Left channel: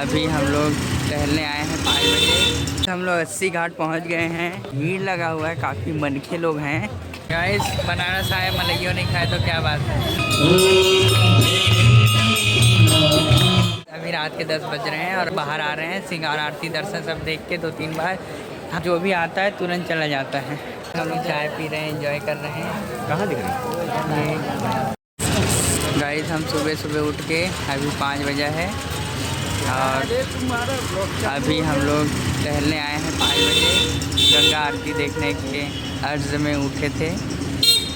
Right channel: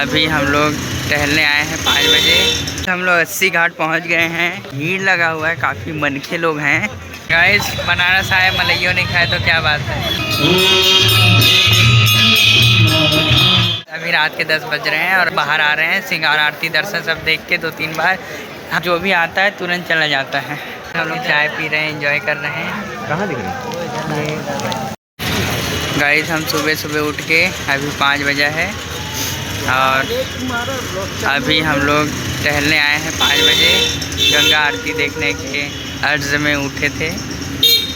अभी हम लोग टहलने आए हैं 5 बजे। हम लोग 80 घाट पहुंच गए हैं। भीड़ लगा हुआ है, काफ़ी मनखे लोग हैं। गाइस बनारस आए मलइयो नहीं खाए तो क्या बात है। अभी रात के 10 बज रहे हैं और बाहर आ रहे हैं। सिंगार आरती दर्शन सब देख के 2-3 बार जो भी आता है तुरंत चला जाता है। हम लोग चाय पी रहे हैं, एंजॉय कर रहे हैं। कहाँ दिख रहे हैं? गाइस हम सुबह सुबह उठ के अभी 5 बजे है और अभी हम लोग टहलने आए हैं 5 बजे। गंगा आरती देखने के अर्ज में उठे थे।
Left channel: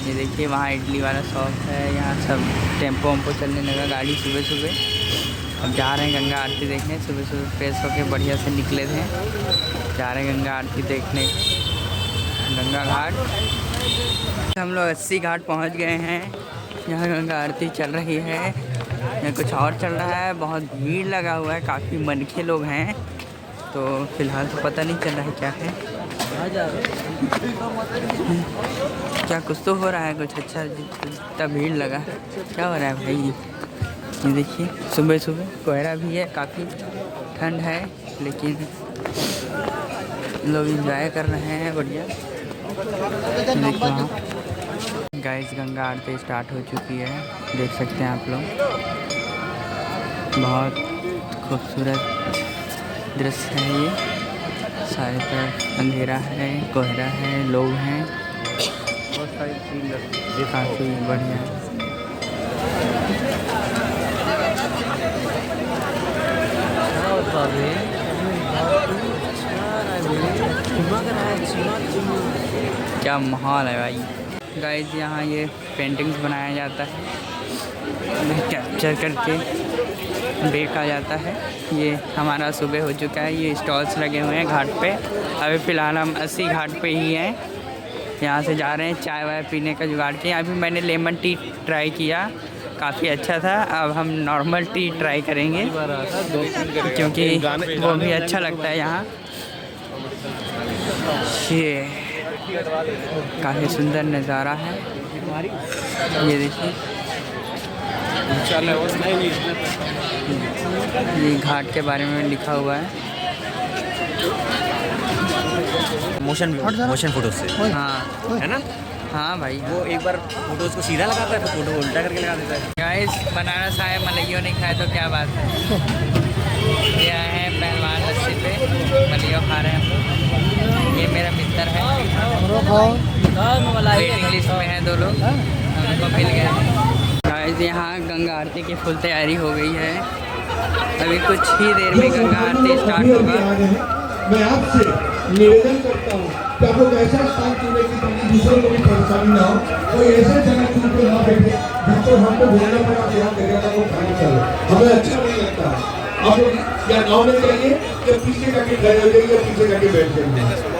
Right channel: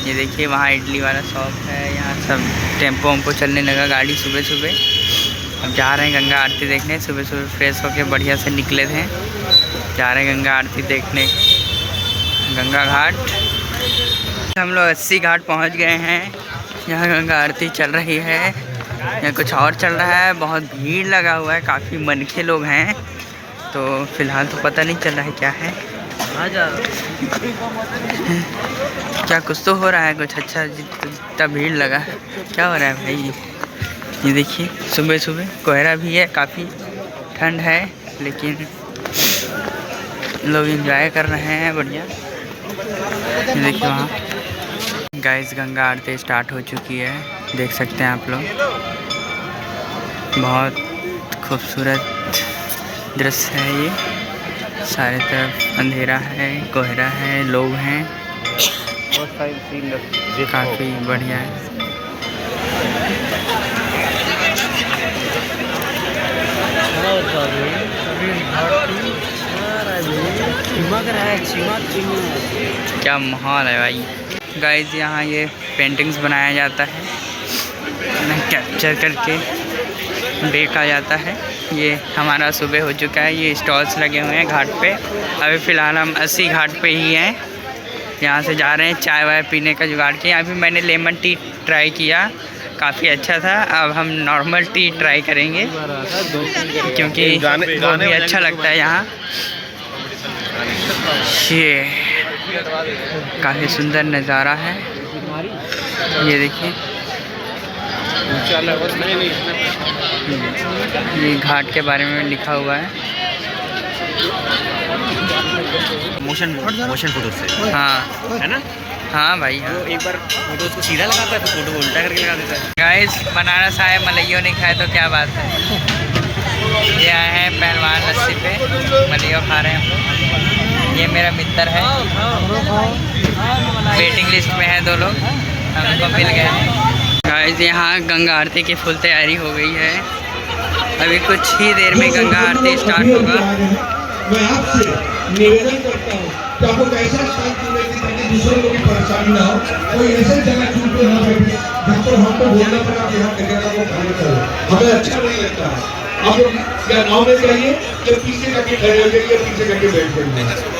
ये देखिए वहाँ इडली वाला शॉप है, यहाँ सब टेम्पो वेम्पो चलने लगा गाड़ी सुबह सुबह। अब जा रहे हैं गंगा आरती देखने। सुबह सुबह फ्रेश होके बढ़िया से निकले थे, जा रहे हैं गंगा आरती देखने गंगा घाट। हम लोग 80 घाट पहुँच गए हैं। यहाँ गंगा आरती चल रही है, यहाँ कुछ और चल रहा है। बहुत भीड़ लगा हुआ है, काफ़ी मनखे लोग हैं। तो फिलहाल तो पता नहीं चल रहा है क्या है। क्या कुछ तो हो रहा है, कुछ अच्छा। जितना भीड़ लगा है, क्या हो रहा है भाई? ये देखिए सुबह सुबह कोहरा भी है, काफ़ी ठंड है, लेकिन लोग एंजॉय कर रहे हैं बढ़िया। ये देखिए वहाँ गाइस गंगा आरती स्टार्ट हो चुकी है, देख सकते हैं आप लोग। बहुत खूबसूरत दृश्य है ये। सारे तरफ अंधेरा है, कोहरा है, लोग हैं, काफ़ी बढ़िया है। क्या माहौल है भाई। गाइस यहाँ ये पेंटिंग्स बनाया जाता है, उन्हें कैप्चर करके देखा जाता है। ये हमारा सुबह हो चुका है, ये स्टॉल्स लगे हुए हैं घाट पे। अभी फ़िलहाल हम 80 घाट पे ही हैं। यहाँ से जा रहे हैं चाय वाय पीने का जुगाड़ के। अभी मैंने लेमन टी ट्राई किया, काफ़ी अच्छा था। अब हम नॉर्मल टी ट्राई करेंगे क्योंकि वो भी अच्छा लगता है यहाँ। ये काफ़ी सुंदर नज़ारा है, ये देखिए। ये घाट के बारे में लिखा हुआ है। मोशन फोटो से, हाँ है ना? हाँ भाई हाँ। एक बार फोटो उसको सीधा लगाता है, तो फोटो उल्टा करके लगा देता है। गाइस बनारस आए मलइयो नहीं खाए तो क्या बात है। ये आए हैं पहलवान लस्सी पे, मलइयो खा रहे हैं हम लोग। ये मेरा मित्र है, वेटिंग लिस्ट में है 2 लोग, हमको मिल गए हैं। गाइस यहाँ गंगा आरती की फुल तैयारी हो गई है। अभी कुछ ही देर में गंगा आरती स्टार्ट होगा। मैं आपसे निवेदन करता हूँ कि आप लोग ऐसा स्थान चुने कि ताकि दूसरे लोगों की परेशानी ना हो। कोई ऐसे जगह चुन के ना बैठे जिसको हमको बोलने पर आप यहाँ करेगा वो काम करो, हमें अच्छा नहीं लगता है। आप लोग या नाव में जाइए या पीछे करके खड़े हो जाइए, पीछे करके बैठ जाइए।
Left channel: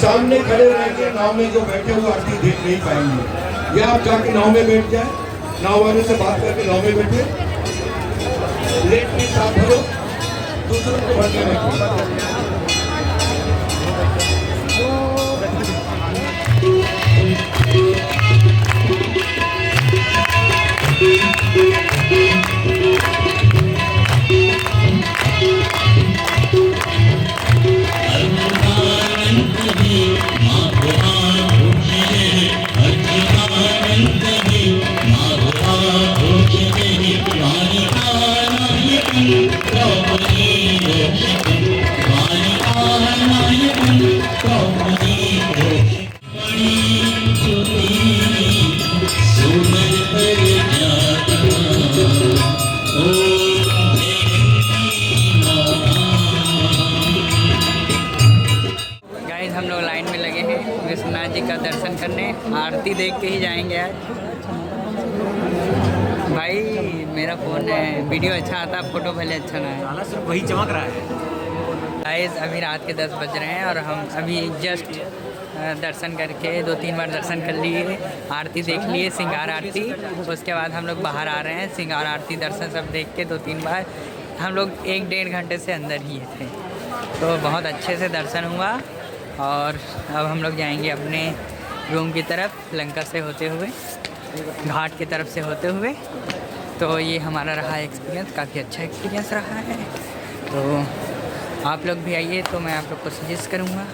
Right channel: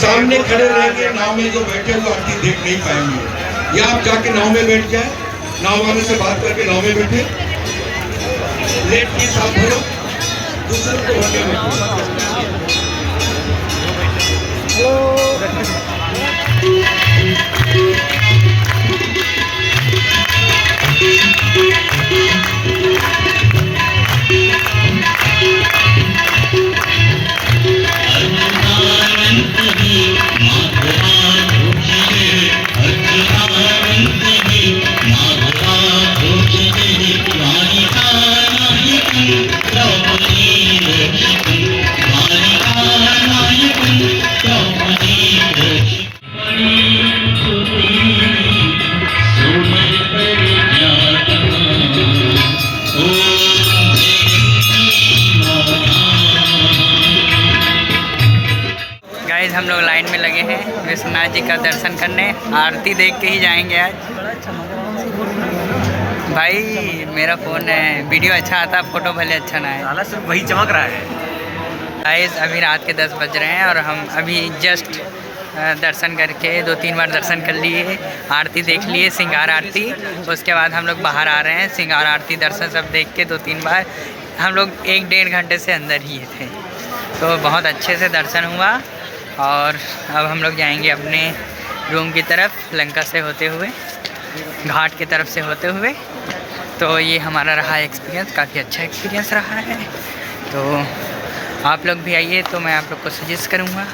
सामने खड़े रहेंगे, नाव में जो बैठे हुए आरती देख नहीं पाएंगे। या आप जाके नाव में बैठ जाए, नाव वाले से बात करके नाव में बैठे, लेट के साथ हो दूसरे को भरने में। हम लोग लाइन में लगे हैं विश्वनाथ जी का दर्शन करने। आरती देख के ही जाएंगे आज। भाई मेरा फ़ोन है, वीडियो अच्छा आता, फ़ोटो भले अच्छा ना है, सिर्फ वही चमक रहा है। गाइस अभी रात के 10 बज रहे हैं और हम अभी जस्ट दर्शन करके 2-3 बार दर्शन कर लिए, आरती देख लिए, सिंगार आरती। उसके बाद हम लोग बाहर आ रहे हैं। सिंगार आरती दर्शन सब देख के 2-3 बार हम लोग 1-1.5 घंटे से अंदर ही थे, तो बहुत अच्छे से दर्शन हुआ। और अब हम लोग जाएंगे अपने रूम की तरफ, लंका से होते हुए, घाट की तरफ से होते हुए। तो ये हमारा रहा एक्सपीरियंस, काफ़ी अच्छा एक्सपीरियंस रहा है। तो आप लोग भी आइए, तो मैं आप लोग को सजेस्ट करूँगा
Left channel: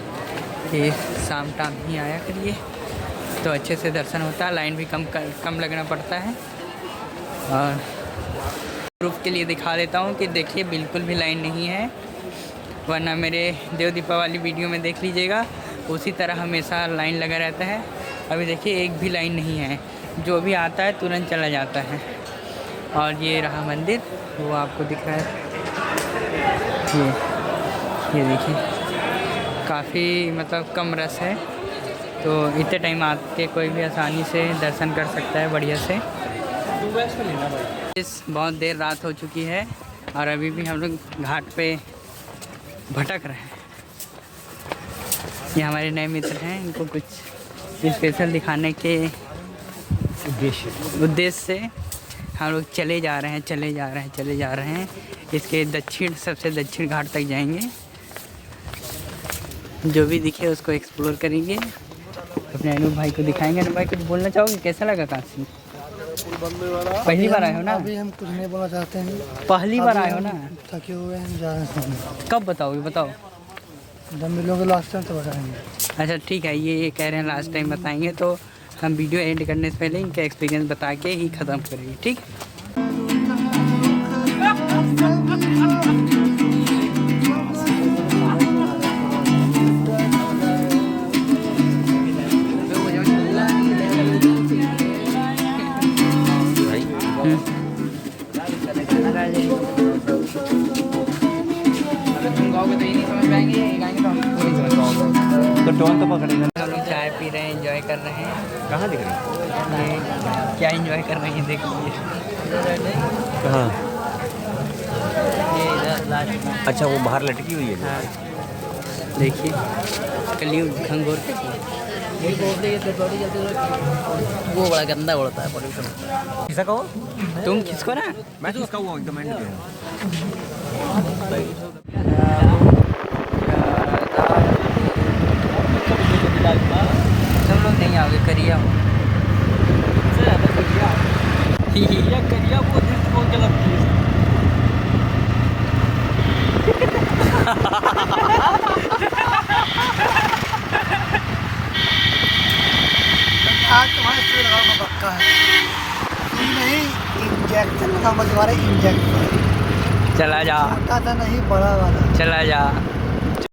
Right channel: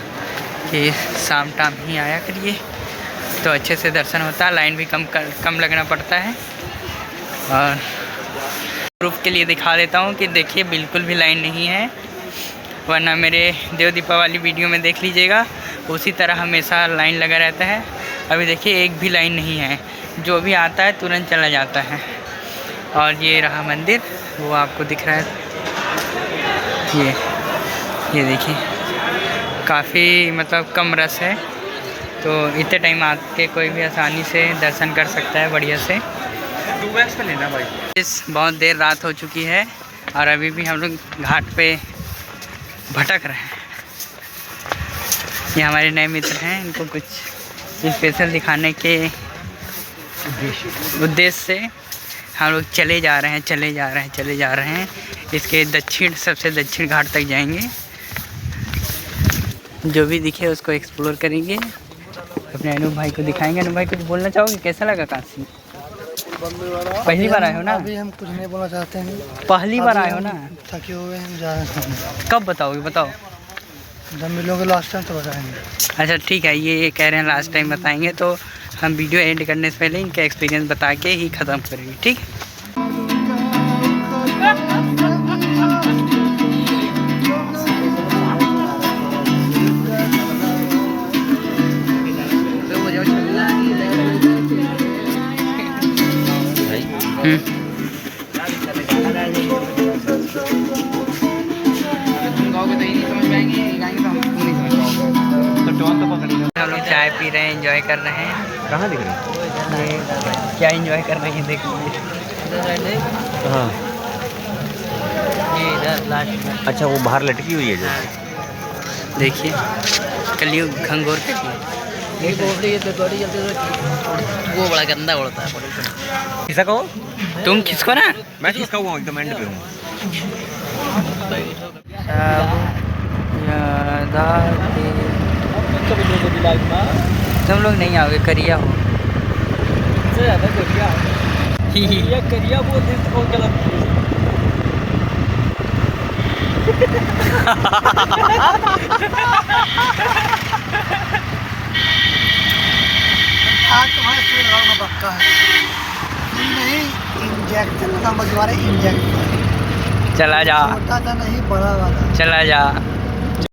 कि शाम टाइम ही आया करिए, तो अच्छे से दर्शन होता है। लाइन भी कम लगना पड़ता है। और प्रूफ के लिए दिखा देता हूँ कि देखिए बिल्कुल भी लाइन नहीं है, वरना मेरे देव दीपावली वीडियो में देख लीजिएगा, उसी तरह हमेशा लाइन लगा रहता है। अभी देखिए एक भी लाइन नहीं है, जो भी आता है तुरंत चला जाता है। और ये रहा मंदिर, वो आपको दिख रहा है, ये देखिए काफ़ी मतलब कम रस है, तो इतने टाइम आके कोई भी आसानी से दर्शन कर सकता है बढ़िया से। बहुत देर रात हो चुकी है और अभी भी हम लोग घाट पे भटक रहे हैं। ये हमारे नए मित्र हैं, इनको कुछ स्पेशल दिखाने के उद्देश्य से हम लोग चले जा रहे हैं। इसके दक्षिण, सबसे दक्षिण घाट तक जाएंगे। जो भी दिखे उसको एक्सप्लोर करेंगे, अपने अनूप भाई को दिखाएंगे। अनूप भाई कुछ बोलना चाहोगे, कैसा लगा काशी? पहली बार आए हो ना? अभी हम कुछ नहीं बोलना चाहते हैं। पहली बार आए हो ना? थके हुए हैं, जा रहे हैं। कब बताओगे, बताओ। जब मिलोगे लास्ट टाइम तो बताएंगे। अच्छा ठीक है, ये कह रहे हैं लास्ट टाइम बताएंगे, तो हम वीडियो एंड करने से पहले इनका एक्सपीरियंस बता के ही ख़त्म करेंगे, ठीक? हम लोग चाय पी रहे हैं, एंजॉय कर रहे हैं। कहाँ दिख रही है? क्या एंजॉय कर रहे हैं देखिए। कहाँ? अच्छा, वो बाहर लटकी हुई है जो। देखिए कलियुग घंघोर के वो बड़ा गंदा उड़ता है। किसका कहो? तुम किसको ना? मैं किसका हूँ, एकदम एंड पे हूँ। तुम लोग नहीं आओगे, करिया हो। आज तुम्हारे सिर लगाना पक्का है। नहीं इंजेक्शन, समझ वाले इंजेक्शन चला जा, नहीं बड़ा वाला। चला जा।